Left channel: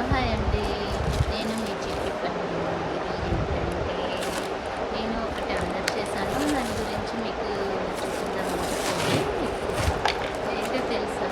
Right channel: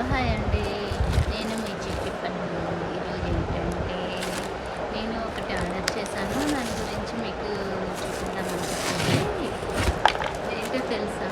Hello hi అండి. నేను మీ చిట్టి పన్ను. ఈరోజు ఏంటంటే నేను ఒకటి ఆర్డర్ చేశాను. దాని గురించి మీకు చూపిద్దామని చెప్పేసి ఏంటో తెలుసా?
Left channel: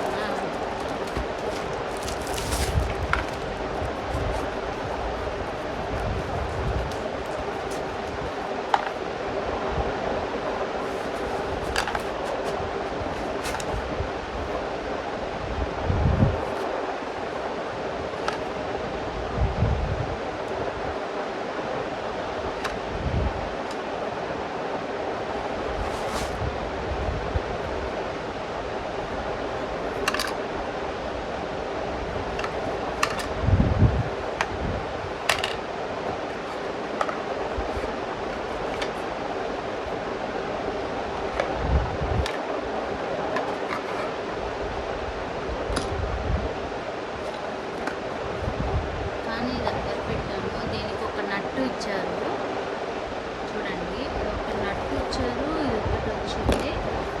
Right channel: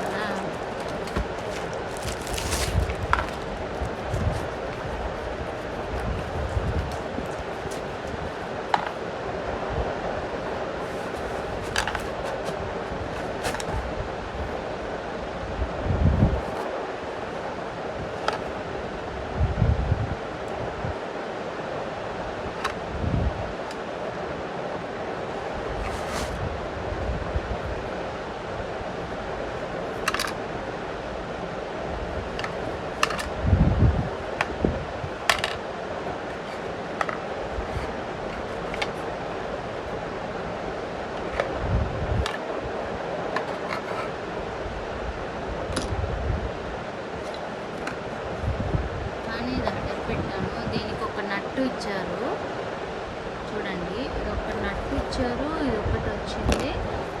కానీ ఇది ఆర్డర్ పెట్టాను. దీనికి ఒక నట్టు ఇచ్చారు చూడండి. ఇది ఒక నట్టు ఇచ్చారు, ఇది ఒకటి వచ్చింది.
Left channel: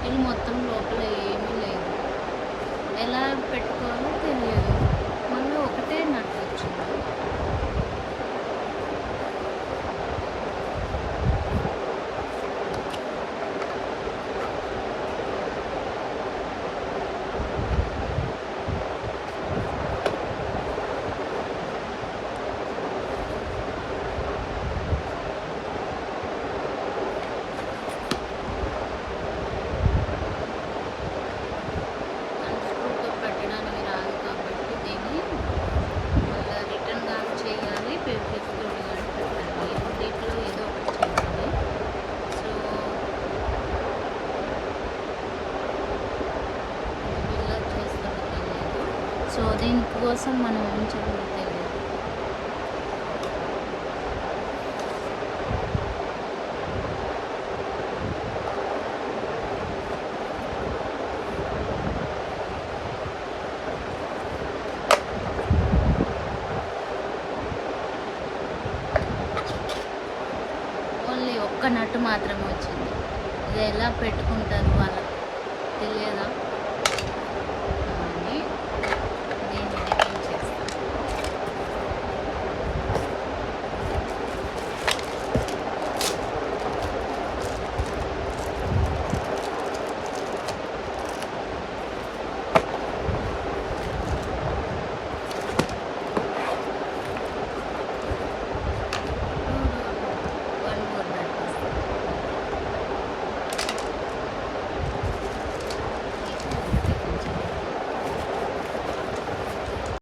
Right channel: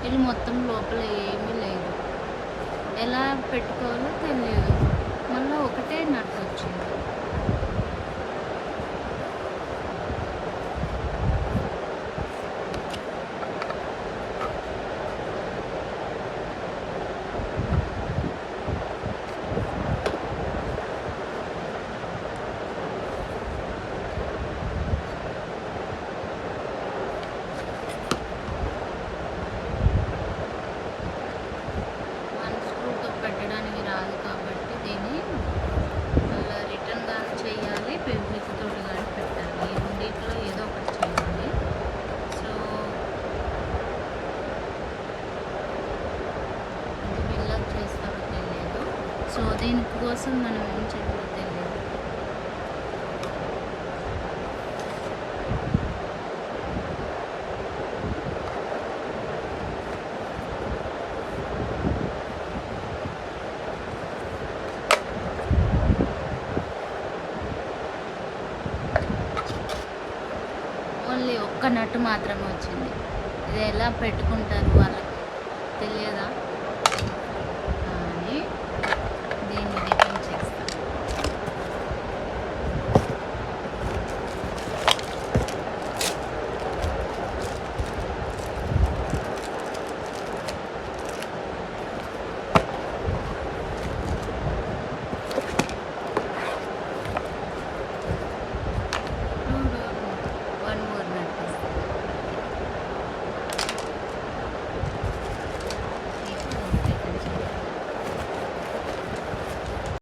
ఇది మొత్తం లోపల ఏమీ లేదు. ఎలా పెట్టుకోవాలో తెలియదు. మళ్ళీ ఒకటే నట్టు వచ్చింది. పెట్టడానికి రాదు కాబట్టి దీన్ని మళ్ళీ రిటర్న్ కానీ చేయాలి, ఫెబ్రిక్ తోటి కానీ పెట్టాలి. ఈ రెండిట్లో ఏదో ఒకటి చేయాలి. సో ఇది బిల్డప్ చేస్తారో తెలియదు. సో దీనికోసం మనం ఏం చేయాలో తెలియదు. ఓన్లీ ఒక్క నట్టు మాత్రమే వచ్చింది. ఇది ఎలా పెట్టుకుంటారు వాళ్ళకి తెలియదా?